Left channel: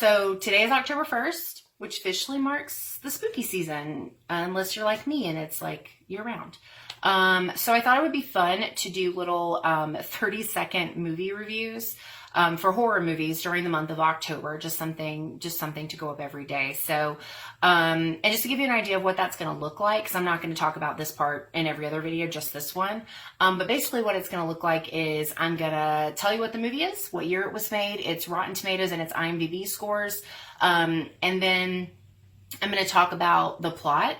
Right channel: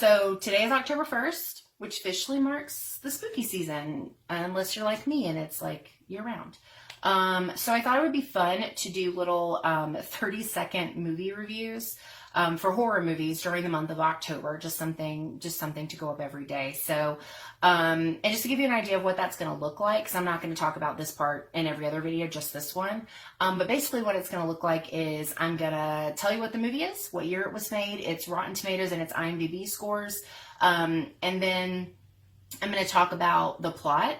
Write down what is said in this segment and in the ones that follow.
So today is October 1st, which officially marks the spooky season, unless you're like me and it's like year round. So I thought it would be fun to do little 30-second movie reviews for horror movies during the month of October. Just something to go up every day. So, and just to give you an idea of what that's going to look like, because I'm not going to talk about this part in every other video, just this one. But basically what it's going to look like is I'm going to tell you what the movie is, what year it was made, its Rotten Tomatoes and its IMDb scores. And then I'm going to talk about the plot,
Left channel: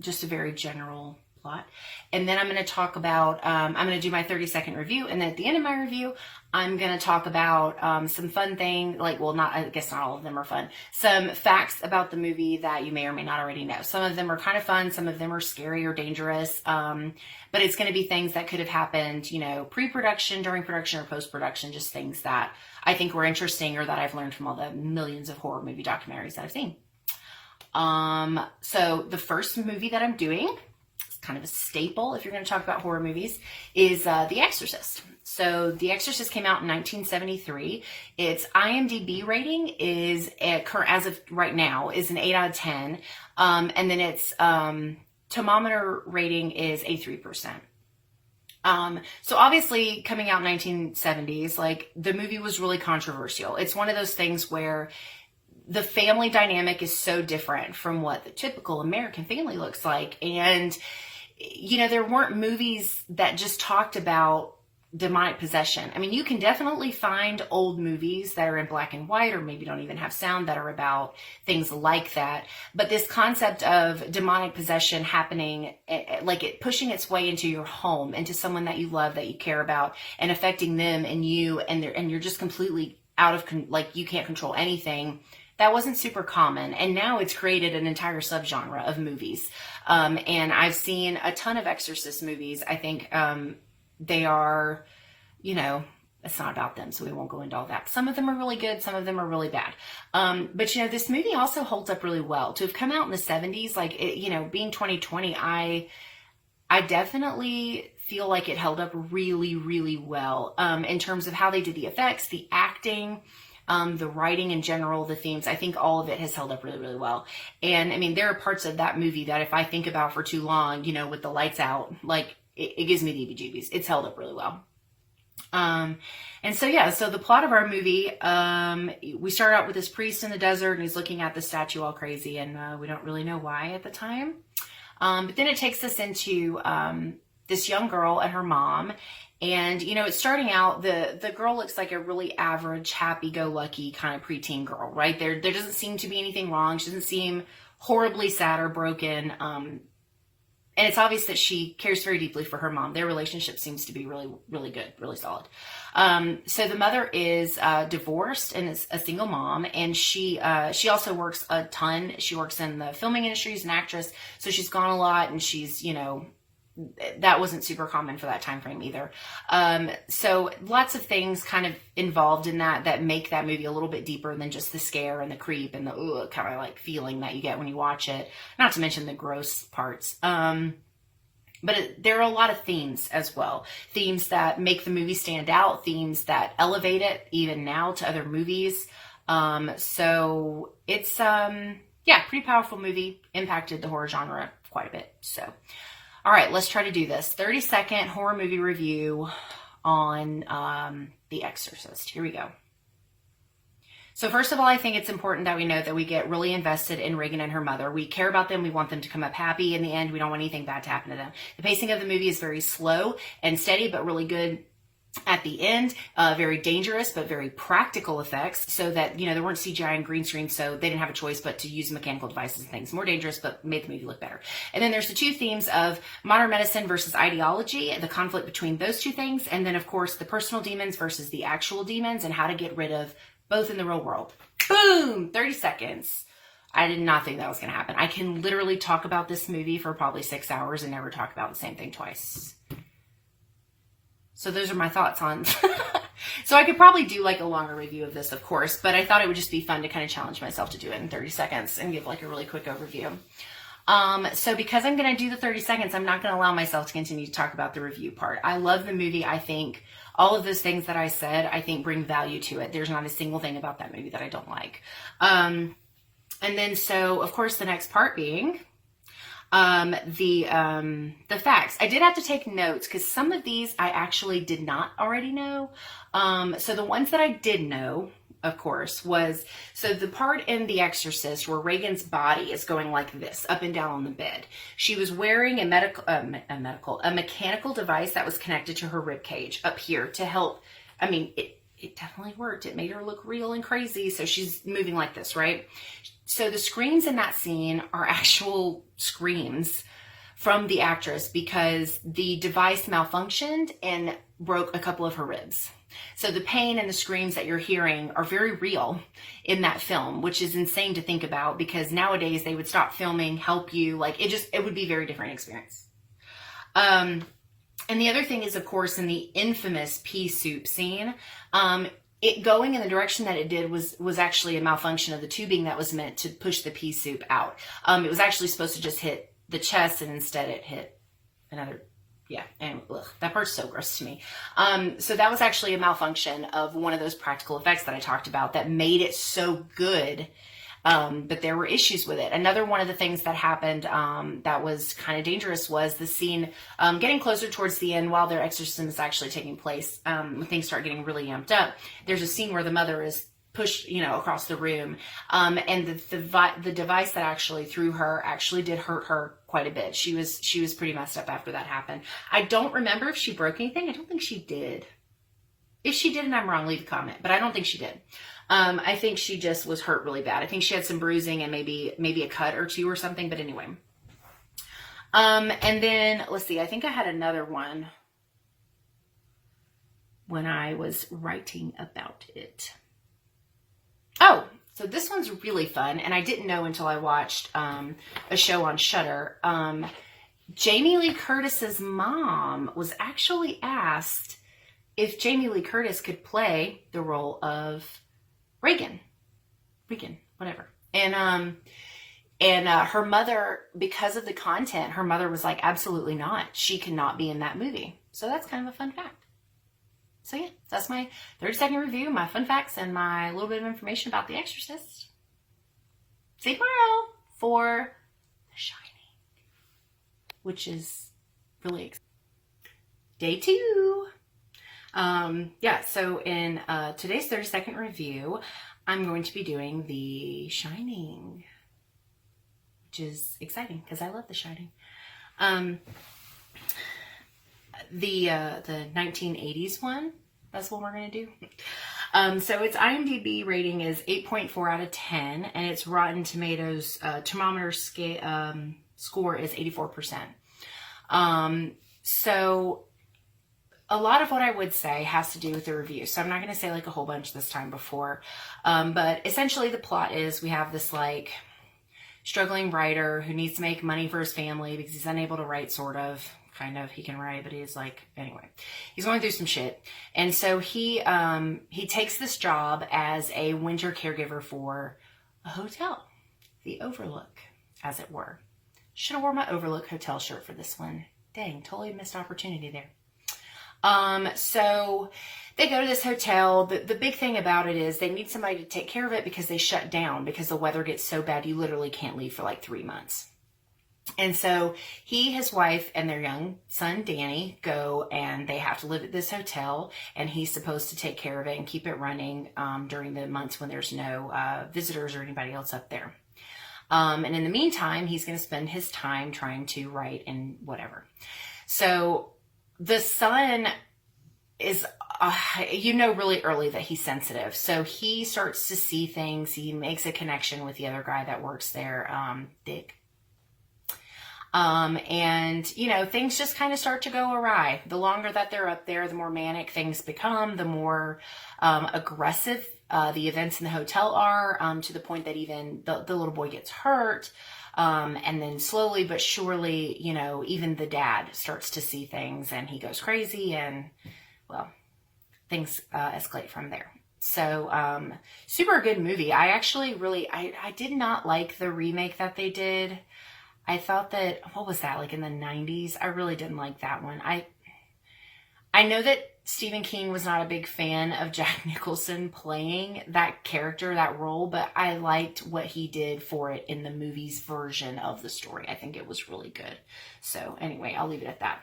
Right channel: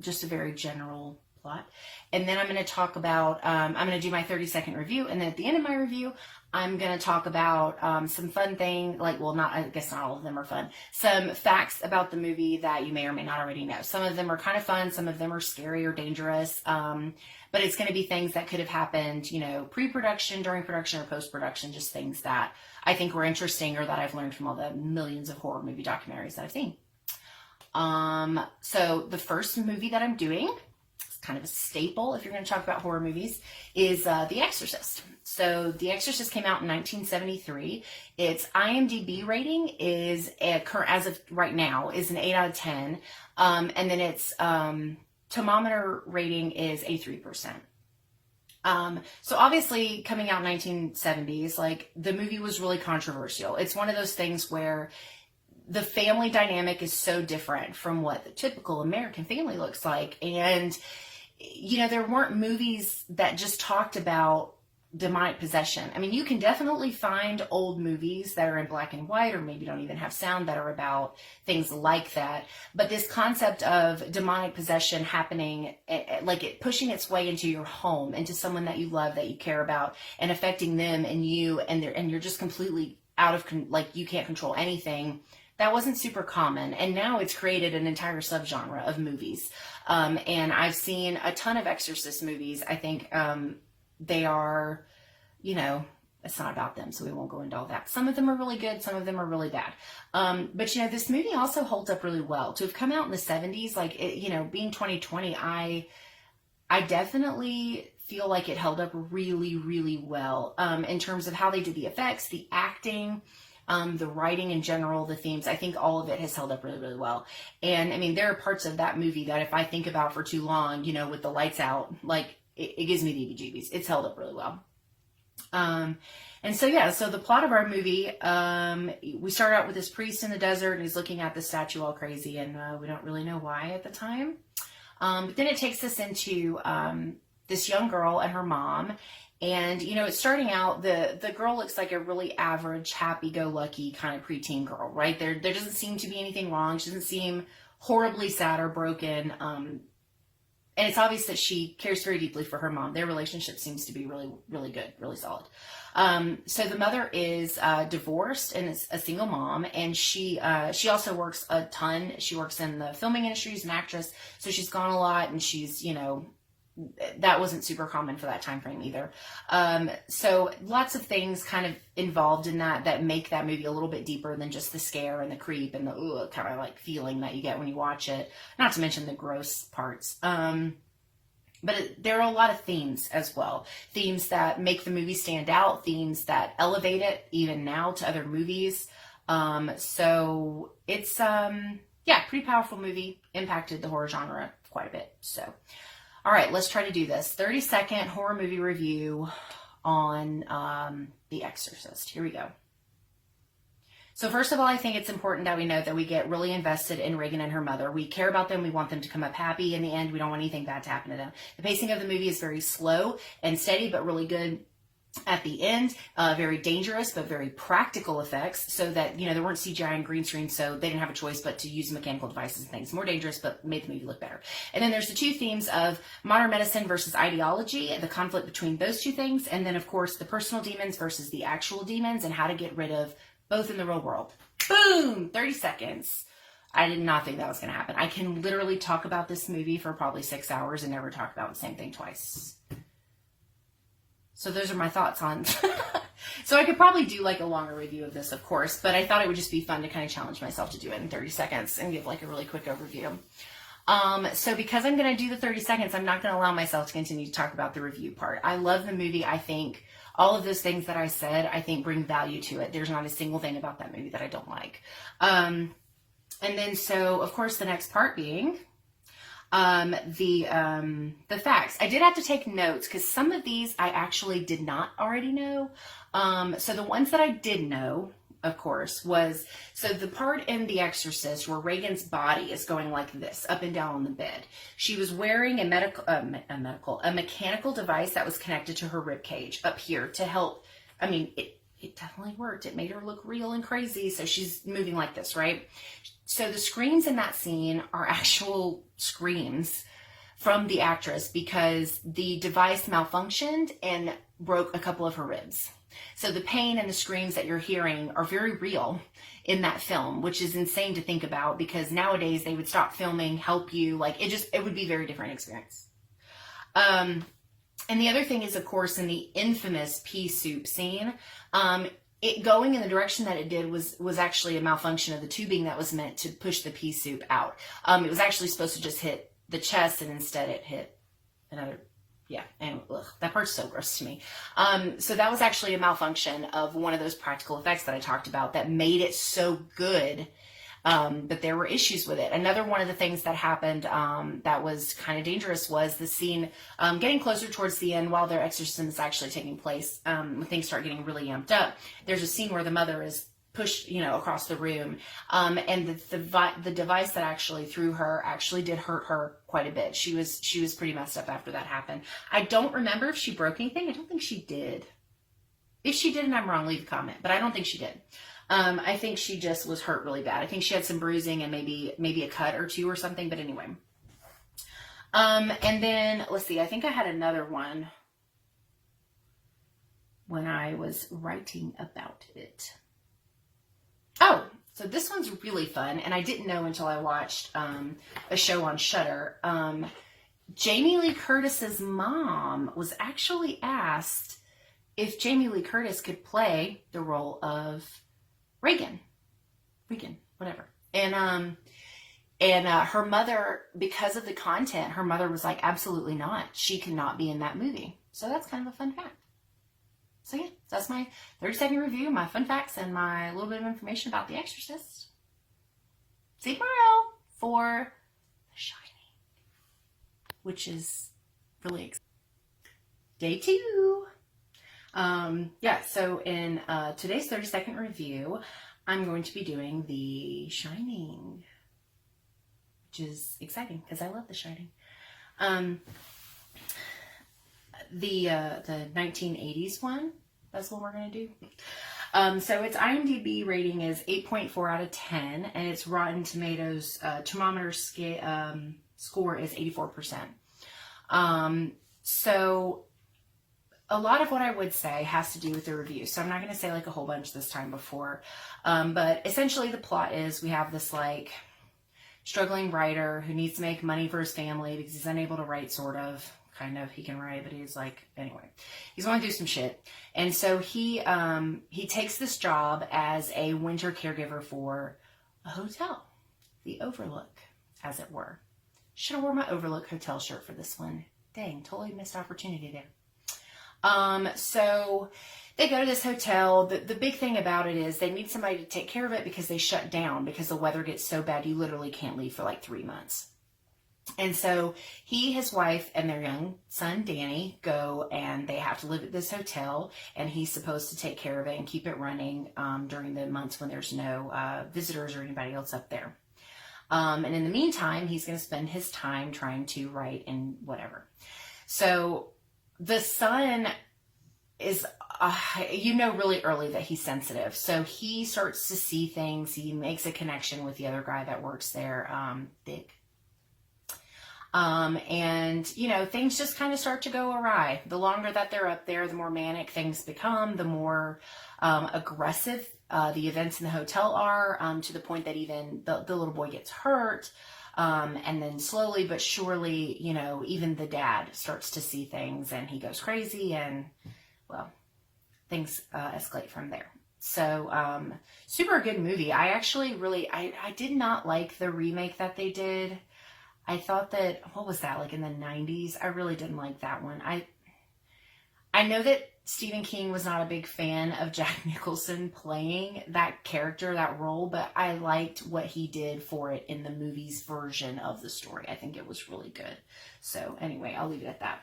just a very general plot. And then I'm going to talk about, I'm going to do my 30-second review. And then at the end of my review, I'm going to talk about some fun thing, like, well, not, I guess not all of them are fun, some facts about the movie that you may or may not already know. Some of them are kind of fun. Some of them are scary or dangerous. But it's going to be things that could have happened, you know, pre-production, during production, or post-production, just things that I think were interesting or that I've learned from all the millions of horror movie documentaries that I've seen. So the first movie that I'm doing, it's kind of a staple if you're going to talk about horror movies, is The Exorcist. So The Exorcist came out in 1973. Its IMDb rating is, as of right now, is an 8 out of 10. And then its thermometer rating is a 3%. So obviously coming out in 1970s, like, the movie was really controversial. It's one of those things where the family dynamic is so different from what the typical American family looks like. And, you know, there weren't movies that just talked about demonic possession. I mean, you can definitely find old movies that are in black and white, or maybe don't even have sound, that are about things like that. But this concept of demonic possession happening, like it pushing its way into your home, into someone that you love, that you care about, and affecting them and you, and you're just completely out of, like, you can't control anything. That wasn't super common, and now it's created an entire subgenre of movies. And I've seen a ton of Exorcist movies. I think they are, you know, it's not about them, so we won't go into all that. Some of them are really good, some of them are really bad. But, you know, this movie also holds up really well. To have come out in the 70s, like, it, you know, being 2020, I definitely feel like it held up really, really well in terms of how they did the effects, the acting, the writing in general, the themes. I think all of it has held up really, really well. And I mean, there are parts of that movie that if I think about for too long, you know, with the lights out, like, it gives me the heebie-jeebies. It's held up really well. And so, yeah, so the plot of our movie, we start out with this priest in the desert, and he's looking at the statue all crazy, and we don't really know why at the time. But then it takes us into this young girl and her mom. And, you know, it's starting out, the girl looks like a really average, happy-go-lucky kind of preteen girl, right? There doesn't seem to be anything wrong. She doesn't seem horribly sad or broken. And it's obvious that she cares very deeply for her mom. Their relationship seems to be really, really good, really solid. So the mother is divorced and is a single mom, and she also works a ton. She works in the filming industry, as an actress, so she's gone a lot, and she's, you know, that wasn't super common for that time frame either. So lots of things kind of involved in that make that movie a little bit deeper than just the scare and the creep and the kind of like feeling that you get when you watch it. Not to mention the gross parts. But there are a lot of themes as well. Themes that make the movie stand out. Themes that elevate it even now to other movies. So it's, yeah, pretty powerful movie. Impacted the horror genre quite a bit. So, all right, let's try to do this. 30-second horror movie review on The Exorcist. Here we go. So first of all, I think it's important that we know that we get really invested in Regan and her mother. We care about them. We want them to come up happy in the end. We don't want anything bad to happen to them. The pacing of the movie is very slow and steady, but really good at the end. Very dangerous, but very practical effects, so that, you know, there weren't CGI and green screen, so they didn't have a choice but to use mechanical devices and things. More dangerous, but made the movie look better. And then there's the two themes of modern medicine versus ideology, and the conflict between those two things. And then, of course, the personal demons versus the actual demons, and how to get rid of both in the real world. Boom! 30 seconds. I did not think that was going to happen. I can literally talk about this movie for probably 6 hours and never talk about the same thing twice. So those are my thoughts on. So I could probably do like a longer review of this, of course, but I thought it would just be fun to kind of challenge myself to do it in 30 seconds and give like a really quick overview. So because I'm going to do the 30 seconds, I'm not going to allow myself to continue to talk about the review part. I love the movie. I think all of those things that I said, I think bring value to it. There's not a single thing about that movie that I don't like. And then, so of course, the next part being the facts. I did have to take notes because some of these I actually did not already know. So the ones that I did know, of course, was, so the part in The Exorcist where Reagan's body is going like this, up and down on the bed. She was wearing a mechanical device that was connected to her rib cage up here to help. I mean, it definitely worked. It made her look real and crazy. So she's moving like this, right? So the screams in that scene are actual screams from the actress because the device malfunctioned and broke a couple of her ribs. So the pain and the screams that you're hearing are very real in that film, which is insane to think about because nowadays they would stop filming, help you. Like it would be a very different experience. And the other thing is, of course, in the infamous pea soup scene, it going in the direction that it did was actually a malfunction of the tubing that was meant to push the pea soup out. It was actually supposed to just hit the chest, and instead it hit another. Yeah, and that part's so gross to me. So that was actually a malfunction of one of those practical effects that I talked about that made it so good. But there were issues with it. Another one of the things that happened that was kind of dangerous was the scene getting closer towards the end while their exorcism is actually taking place. When things start getting really amped up, there's a scene where the mother is pushed, across the room. And the device that actually threw her actually did hurt her quite a bit. She was pretty messed up after that happened. I don't remember if she broke anything. I don't think she did. If she did and I'm wrong, leave a comment, but I don't think she did. I think she just was hurt really bad. I think she had some bruising and maybe a cut or two or something, but anyway. And then, let's see, I think I had another one when I was writing about it. Oh, so this one's really fun, and I didn't know until I watched a show on Shudder. Jamie Lee Curtis's mom was actually asked if Jamie Lee Curtis could play the role of Reagan, whatever. And her mother, because of the content, her mother was like, absolutely not. She cannot be in that movie. So that's kind of a fun fact. So yeah, that's my 30-second review, my fun facts, and my little bit of information about The Exorcist. See you tomorrow for The Shining, which is really exciting. Day 2. So in today's 30-second review, I'm going to be doing The Shining, which is exciting because I love The Shining. The 1980s one, that's what we're going to do. So its IMDb rating is 8.4 out of 10, and its Rotten Tomatoes thermometer score is 84%. So a lot of what I would say has to do with the review. So I'm not going to say like a whole bunch this time before. But essentially the plot is we have this like struggling writer who needs to make money for his family because he's unable to write, sort of. Kind of, he can write, but he's like, anyway, he's going through some shit. And so he takes this job as a winter caregiver for a hotel, the Overlook, as it were. Should have worn my Overlook hotel shirt for this one. Dang, totally missed opportunity there. So they go to this hotel. The big thing about it is they need somebody to take care of it because they shut down because the weather gets so bad you literally can't leave for like 3 months. And so he, his wife, and their young son, Danny, go and they have to live at this hotel, and he's supposed to take care of it and keep it running during the months when there's no visitors or anybody else up there. And in the meantime, he's going to spend his time trying to write and whatever. So the son is, really early that he's sensitive. So he starts to see things. He makes a connection with the other guy that works there, Dick. And things just kind of start to go awry. The longer that they're up there, the more manic things become, the more aggressive the events in the hotel are, to the point that even the little boy gets hurt. And then slowly but surely, even the dad starts to see things and he goes crazy, and well, things escalate from there. So super good movie. I actually I did not like the remake that they did. I thought that, what was that, like in the 90s? I really didn't like that one. I know that Stephen King was not a big fan of Jack Nicholson playing that character, that role, but I liked what he did for it in the movie's version of the story. I think it was really good. So anyway, I'll leave it at that.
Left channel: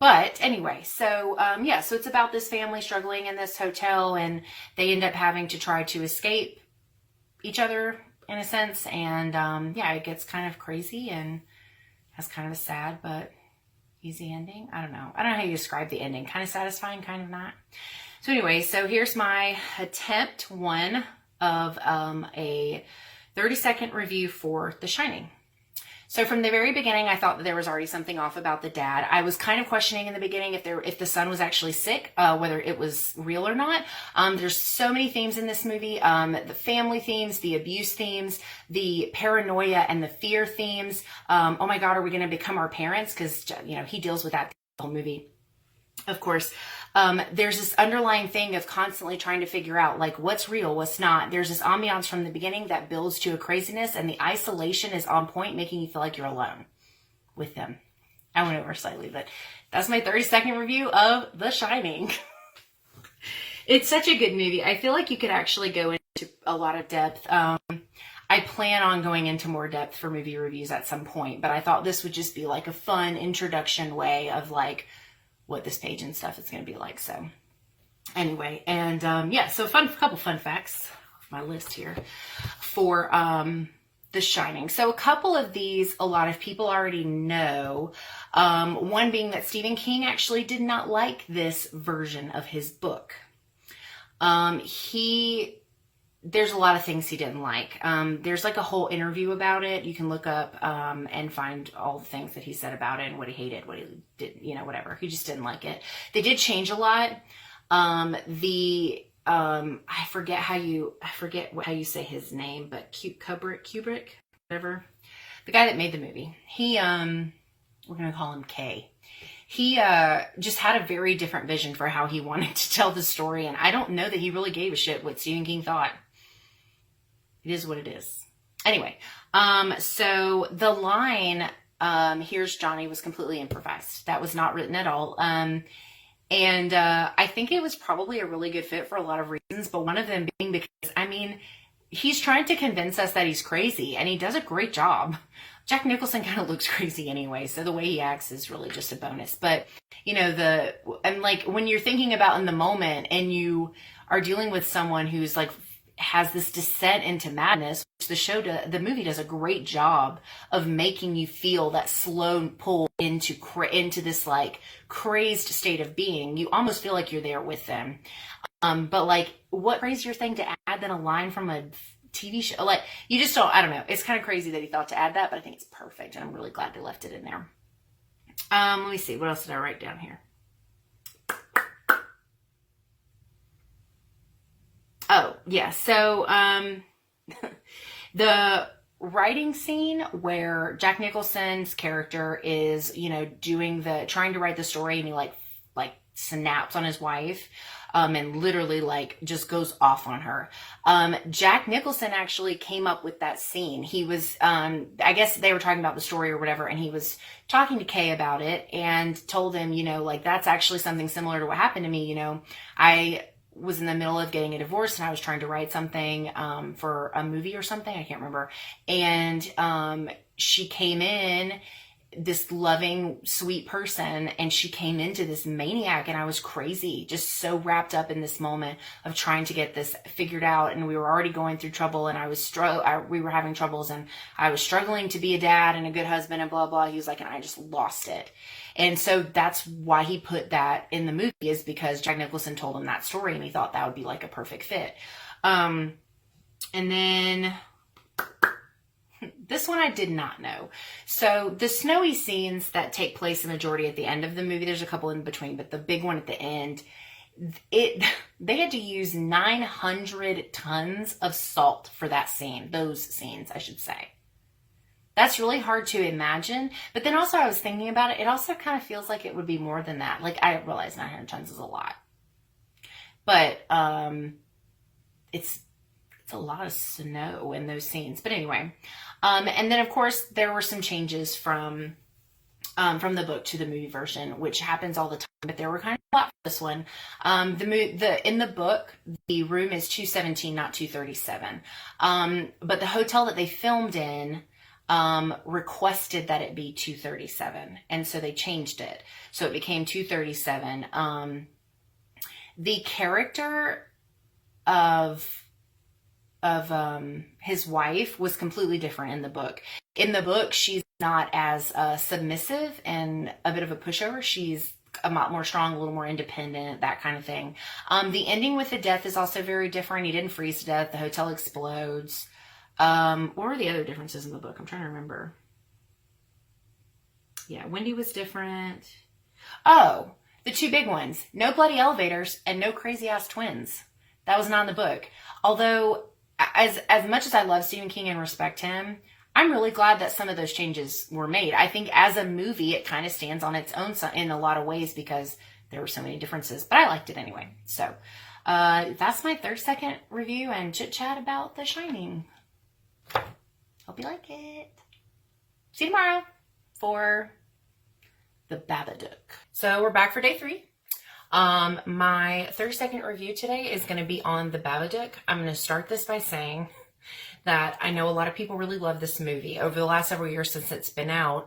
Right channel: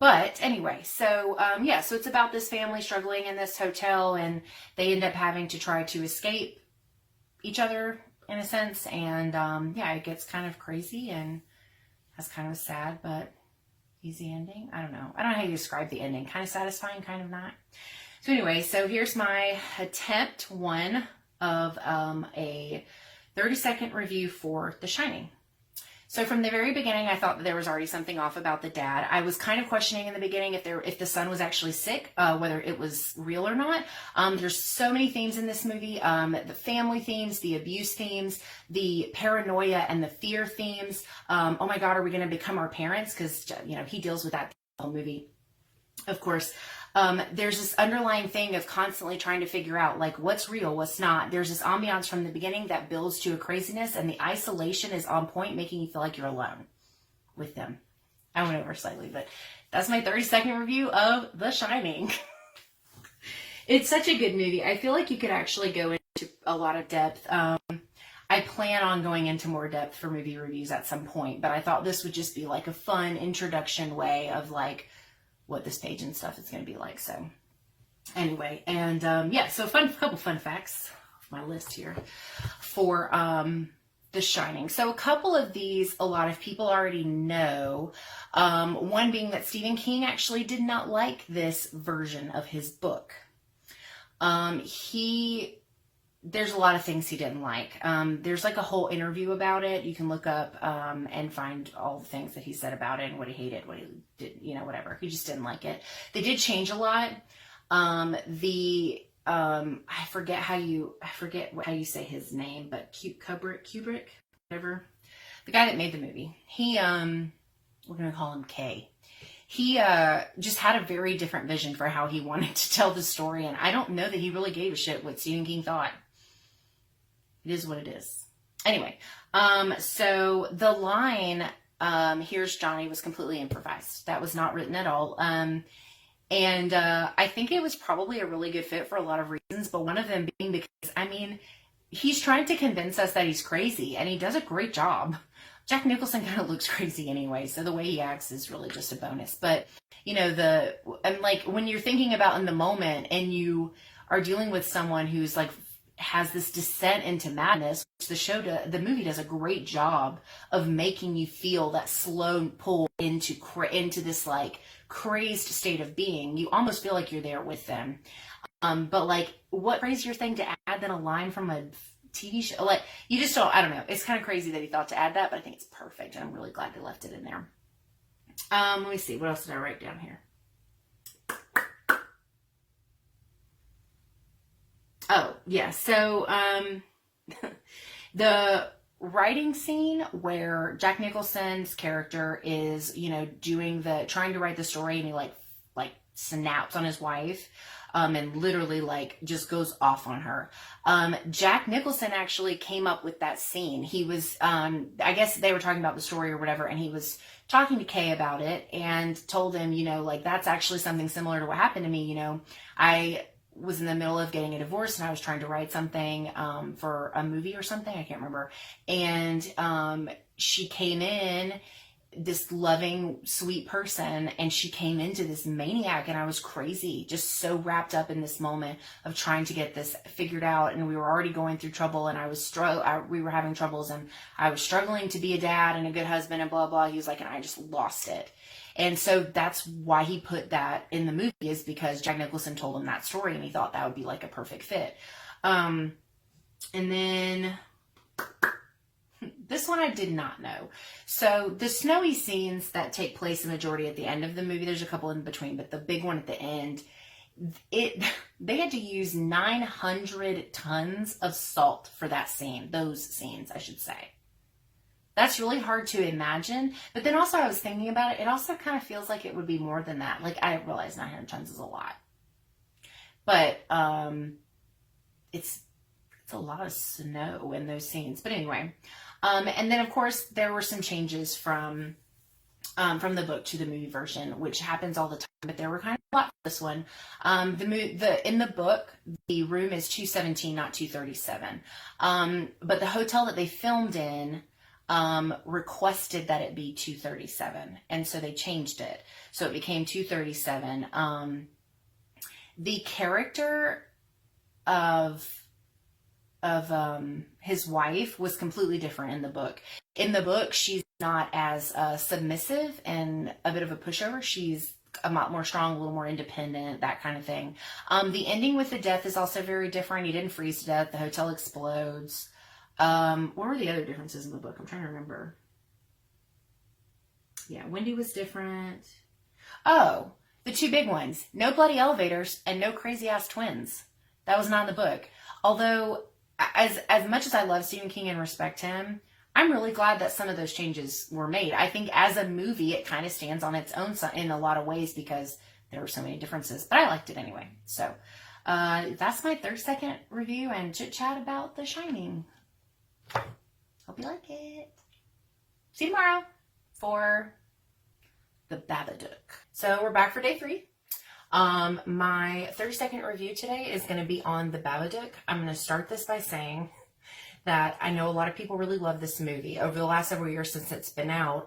But anyway, so yeah, so it's about this family struggling in this hotel, and they end up having to try to escape each other in a sense. And yeah, it gets kind of crazy and has kind of a sad but easy ending. I don't know how you describe the ending. Kind of satisfying, kind of not. So anyway, so here's my attempt one of a 30-second review for The Shining. So from the very beginning, I thought that there was already something off about the dad. I was kind of questioning in the beginning if the son was actually sick, whether it was real or not. There's so many themes in this movie, the family themes, the abuse themes, the paranoia and the fear themes. Oh my God, are we going to become our parents? Because, you know, he deals with that the whole movie. Of course, there's this underlying thing of constantly trying to figure out, like, what's real, what's not. There's this ambiance from the beginning that builds to a craziness, and the isolation is on point, making you feel like you're alone with them. I went over slightly, but that's my 30-second review of The Shining. It's such a good movie. I feel like you could actually go into a lot of depth. I plan on going into more depth for movie reviews at some point, but I thought this would just be like a fun introduction way of like what this page and stuff is going to be like. So anyway, and yeah, so couple fun facts off my list here for The Shining. So a couple of these, a lot of people already know. One being that Stephen King actually did not like this version of his book. There's a lot of things he didn't like. There's like a whole interview about it. You can look up and find all the things that he said about it and what he hated, what he did, you know, whatever. He just didn't like it. They did change a lot. I forget how you say his name, but Kubrick, whatever. The guy that made the movie. We're going to call him K. He just had a very different vision for how he wanted to tell the story. And I don't know that he really gave a shit what Stephen King thought. It is what it is. Anyway, so the line, here's Johnny, was completely improvised. That was not written at all. And I think it was probably a really good fit for a lot of reasons, but one of them being because, I mean, he's trying to convince us that he's crazy, and he does a great job. Jack Nicholson kind of looks crazy anyway, so the way he acts is really just a bonus. But, you know, and like when you're thinking about in the moment and you are dealing with someone who's like has this descent into madness, which the movie does a great job of making you feel that slow pull into this like crazed state of being. You almost feel like you're there with them. But like, what crazier thing to add than a line from a TV show? Like, you just don't, I don't know. It's kind of crazy that he thought to add that, but I think it's perfect. And I'm really glad they left it in there. Let me see. What else did I write down here? Oh, yeah. So, the writing scene where Jack Nicholson's character is, you know, trying to write the story, and he like snaps on his wife, and literally like just goes off on her. Jack Nicholson actually came up with that scene. He was, I guess they were talking about the story or whatever, and he was talking to Kay about it and told him, you know, like, that's actually something similar to what happened to me. You know, I was in the middle of getting a divorce and I was trying to write something for a movie or something. I can't remember. And she came in, this loving, sweet person, and she came into this maniac, and I was crazy, just so wrapped up in this moment of trying to get this figured out. And we were already going through trouble, and we were having troubles, and I was struggling to be a dad and a good husband and blah, blah. He was like, and I just lost it. And so that's why he put that in the movie, is because Jack Nicholson told him that story, and he thought that would be like a perfect fit. And then this one I did not know. So the snowy scenes that take place the majority at the end of the movie, there's a couple in between, but the big one at the end, they had to use 900 tons of salt for that scene. Those scenes, I should say. That's really hard to imagine. But then also I was thinking about it. It also kind of feels like it would be more than that. Like, I realize 900 tons is a lot. But it's It's a lot of snow in those scenes. But anyway, and then of course there were some changes from the book to the movie version, which happens all the time, but there were kind of a lot for this one. In the book, the room is 217, not 237. But the hotel that they filmed in requested that it be 237, and so they changed it. So it became 237. The character of his wife was completely different in the book. In the book, she's not as submissive and a bit of a pushover. She's a lot more strong, a little more independent, that kind of thing. The ending with the death is also very different. He didn't freeze to death. The hotel explodes. What were the other differences in the book? I'm trying to remember. Yeah, Wendy was different. Oh, the two big ones. No bloody elevators and no crazy ass twins. That was not in the book. Although, as much as I love Stephen King and respect him, I'm really glad that some of those changes were made. I think as a movie, it kind of stands on its own in a lot of ways because there were so many differences, but I liked it anyway. So that's my 30-second review and chit chat about The Shining. Hope you like it. See you tomorrow for the Babadook. So we're back for day 3. My 30-second review today is going to be on the Babadook. I'm going to start this by saying that I know a lot of people really love this movie. Over the last several years since it's been out,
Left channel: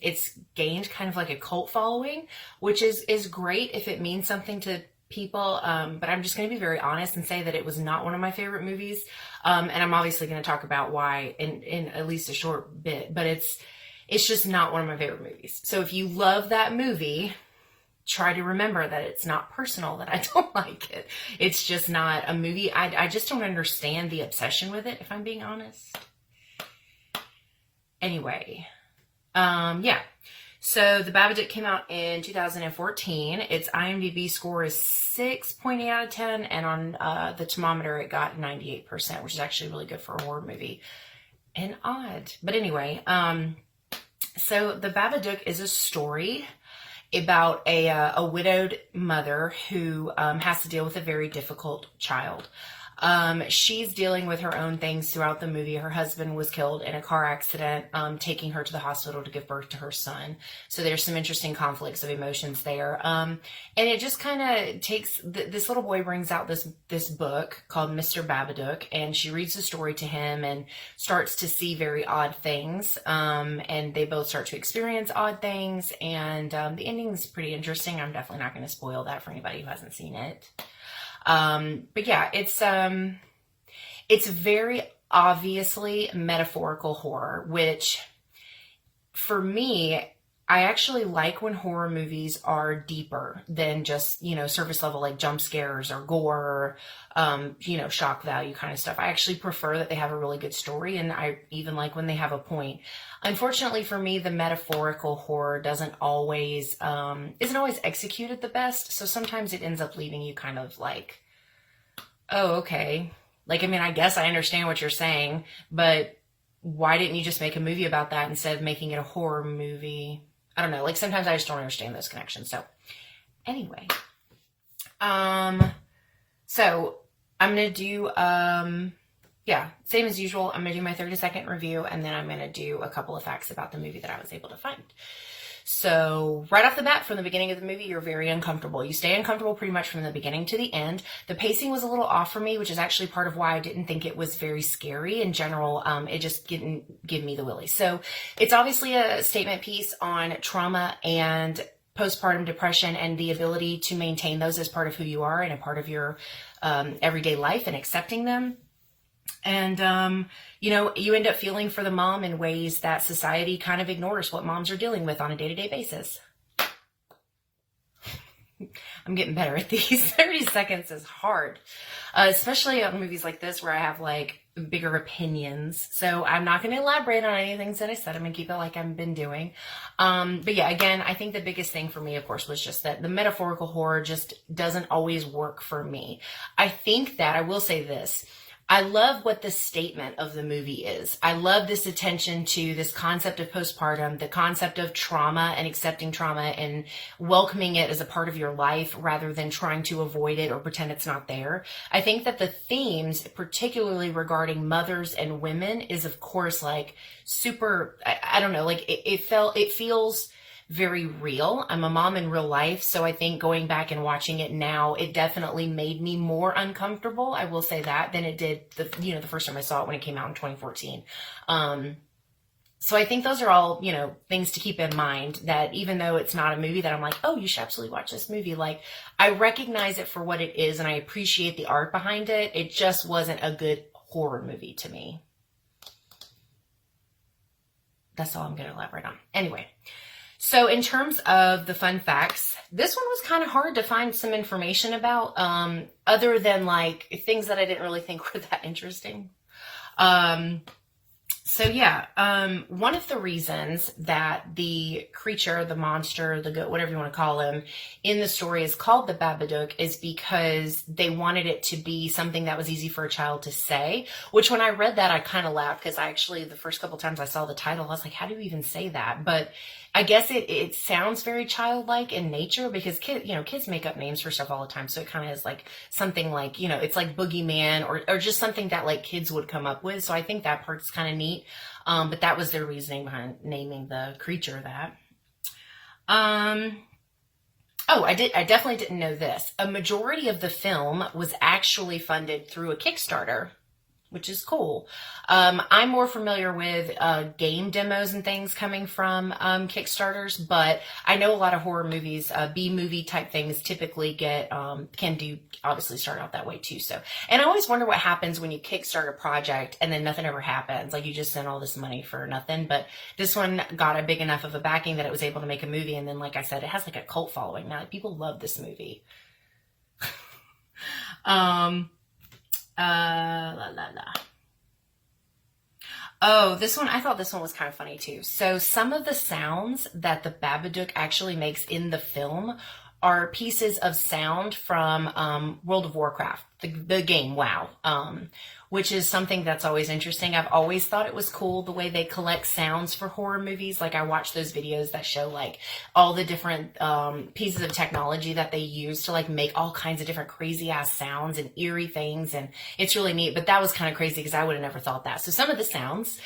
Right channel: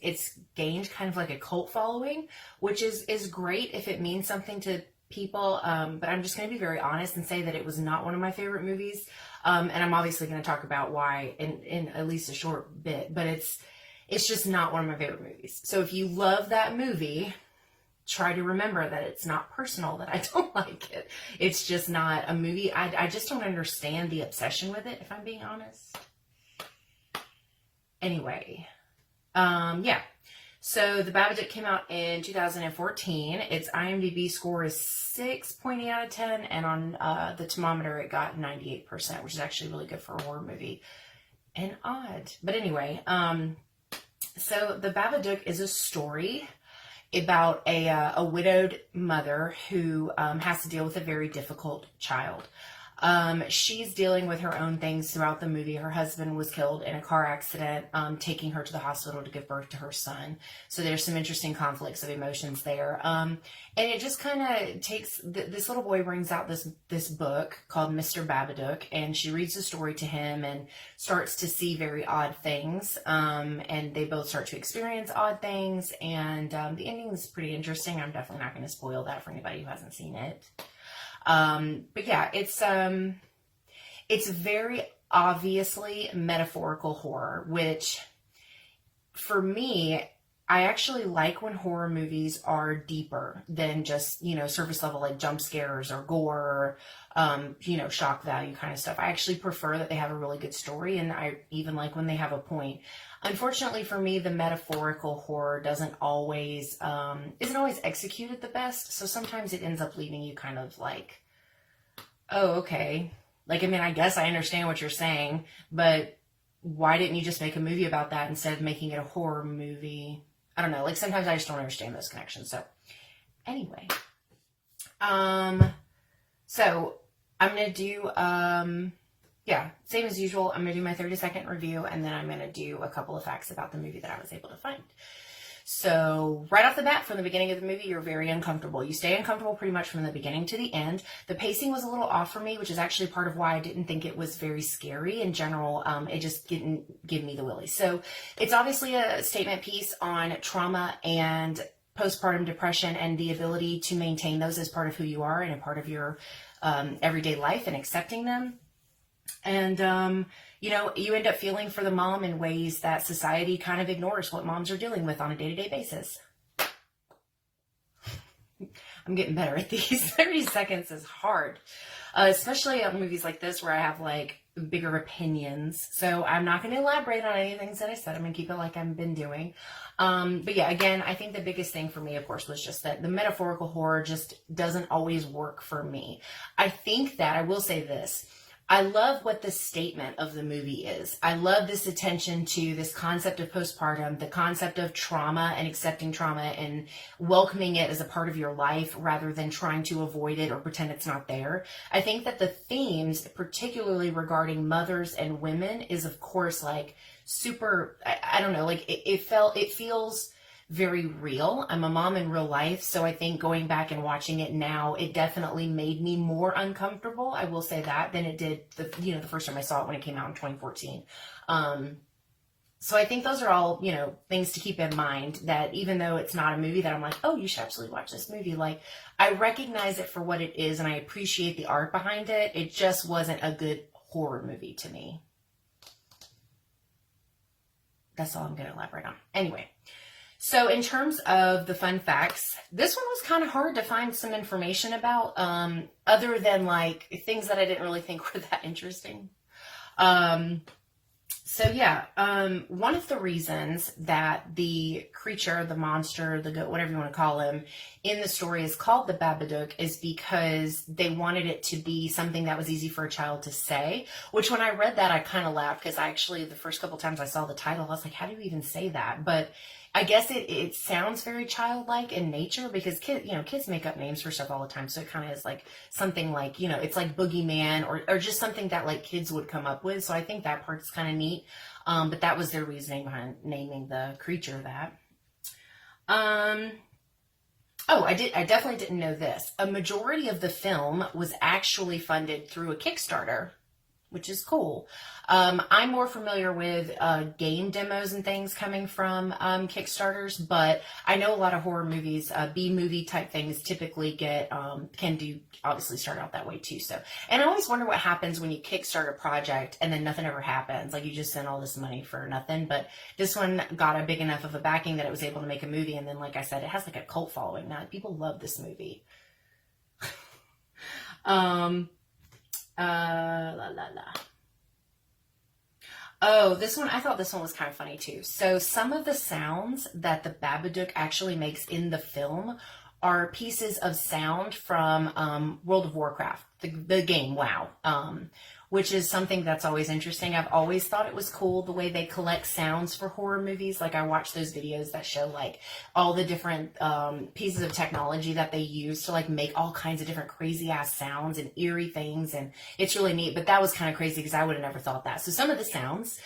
it's gained kind of like a cult following, which is great if it means something to people, but I'm just going to be very honest and say that it was not one of my favorite movies, and I'm obviously going to talk about why in at least a short bit, but it's just not one of my favorite movies. So if you love that movie, try to remember that it's not personal that I don't like it. It's just not a movie. I just don't understand the obsession with it, if I'm being honest. Anyway, yeah. So The Babadook came out in 2014. Its IMDb score is 6.8 out of 10, and on the thermometer it got 98%, which is actually really good for a horror movie. And odd. But anyway, so The Babadook is a story about a widowed mother who has to deal with a very difficult child. She's dealing with her own things throughout the movie. Her husband was killed in a car accident, taking her to the hospital to give birth to her son. So there's some interesting conflicts of emotions there. And it just kind of takes, this little boy brings out this book called Mr. Babadook, and she reads the story to him and starts to see very odd things. And they both start to experience odd things. And the ending is pretty interesting. I'm definitely not going to spoil that for anybody who hasn't seen it. But yeah, it's very obviously metaphorical horror, which for me, I actually like when horror movies are deeper than just, surface level, like jump scares or gore, shock value kind of stuff. I actually prefer that they have a really good story, and I even like when they have a point. Unfortunately for me, the metaphorical horror isn't always executed the best. So sometimes it ends up leaving you kind of like, oh, okay. Like, I mean, I guess I understand what you're saying, but why didn't you just make a movie about that instead of making it a horror movie? I don't know. Like, sometimes I just don't understand those connections. So anyway, so I'm going to do, same as usual. I'm going to do my 30-second review, and then I'm going to do a couple of facts about the movie that I was able to find. So right off the bat, from the beginning of the movie, you're very uncomfortable. You stay uncomfortable pretty much from the beginning to the end. The pacing was a little off for me, which is actually part of why I didn't think it was very scary in general. It just didn't give me the willies. So it's obviously a statement piece on trauma and postpartum depression and the ability to maintain those as part of who you are and a part of your everyday life and accepting them. And, you end up feeling for the mom in ways that society kind of ignores what moms are dealing with on a day-to-day basis. I'm getting better at these. 30 seconds is hard, especially on movies like this where I have like bigger opinions. So I'm not going to elaborate on any things that I said. I'm going to keep it like I've been doing. But yeah, again, I think the biggest thing for me, of course, was just that the metaphorical horror just doesn't always work for me. I think that I will say this. I love what the statement of the movie is. I love this attention to this concept of postpartum, the concept of trauma and accepting trauma and welcoming it as a part of your life rather than trying to avoid it or pretend it's not there. I think that the themes, particularly regarding mothers and women, is of course like super, I don't know, like it feels very real. I'm a mom in real life, so I think going back and watching it now, it definitely made me more uncomfortable. I will say that than it did the first time I saw it when it came out in 2014. So I think those are all, things to keep in mind, that even though it's not a movie that I'm like, oh, you should absolutely watch this movie, like I recognize it for what it is and I appreciate the art behind it. It just wasn't a good horror movie to me. That's all I'm going to elaborate on. Anyway. So in terms of the fun facts, this one was kind of hard to find some information about, other than like things that I didn't really think were that interesting. One of the reasons that the creature, the monster, the goat, whatever you want to call him, in the story is called the Babadook is because they wanted it to be something that was easy for a child to say, which when I read that, I kind of laughed because the first couple times I saw the title, I was like, how do you even say that? But I guess it sounds very childlike in nature because kids make up names for stuff all the time. So it kind of is like something like, it's like boogeyman or just something that like kids would come up with. So I think that part's kind of neat. But that was their reasoning behind naming the creature that. I definitely didn't know this. A majority of the film was actually funded through a Kickstarter, which is cool. I'm more familiar with game demos and things coming from Kickstarters, but I know a lot of horror movies, B-movie type things typically obviously start out that way too. So, and I always wonder what happens when you kickstart a project and then nothing ever happens. Like you just send all this money for nothing, but this one got a big enough of a backing that it was able to make a movie. And then, like I said, it has like a cult following now. Like, people love this movie. Oh, I thought this one was kind of funny too. So some of the sounds that the Babadook actually makes in the film are pieces of sound from World of Warcraft, the game WoW, which is something that's always interesting. I've always thought it was cool the way they collect sounds for horror movies. Like I watch those videos that show like all the different pieces of technology that they use to like make all kinds of different crazy ass sounds and eerie things, and it's really neat. But that was kind of crazy because I would have never thought that. So some of the sounds,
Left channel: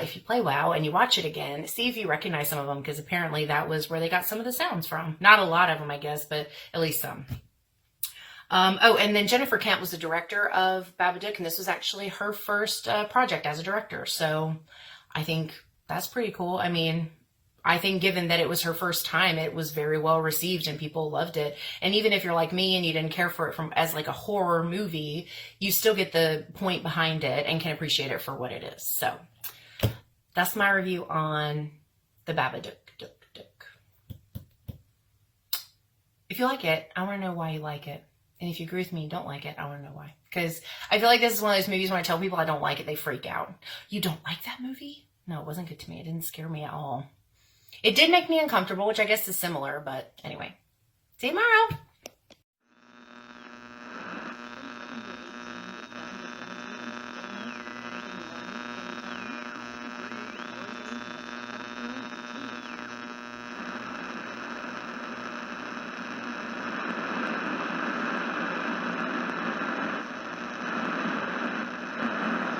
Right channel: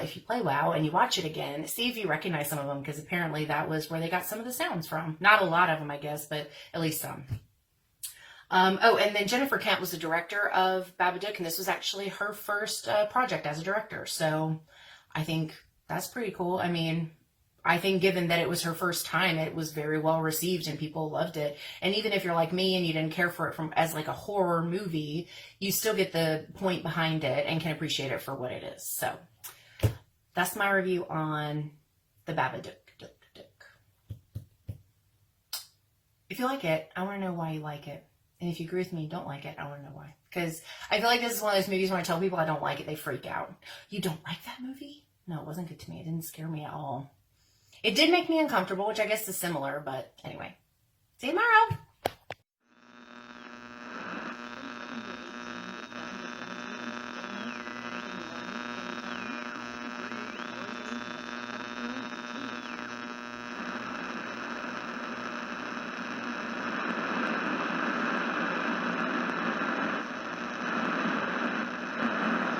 if you play WoW and you watch it again, see if you recognize some of them, because apparently that was where they got some of the sounds from. Not a lot of them, I guess, but at least some. And then Jennifer Kent was the director of Babadook, and this was actually her first project as a director. So I think that's pretty cool. I mean, I think given that it was her first time, it was very well received and people loved it. And even if you're like me and you didn't care for it as like a horror movie, you still get the point behind it and can appreciate it for what it is. So that's my review on the Babadook. If you like it, I want to know why you like it. And if you agree with me, you don't like it, I want to know why. Because I feel like this is one of those movies when I tell people I don't like it, they freak out. You don't like that movie? No, it wasn't good to me. It didn't scare me at all. It did make me uncomfortable, which I guess is similar, but anyway. See you tomorrow.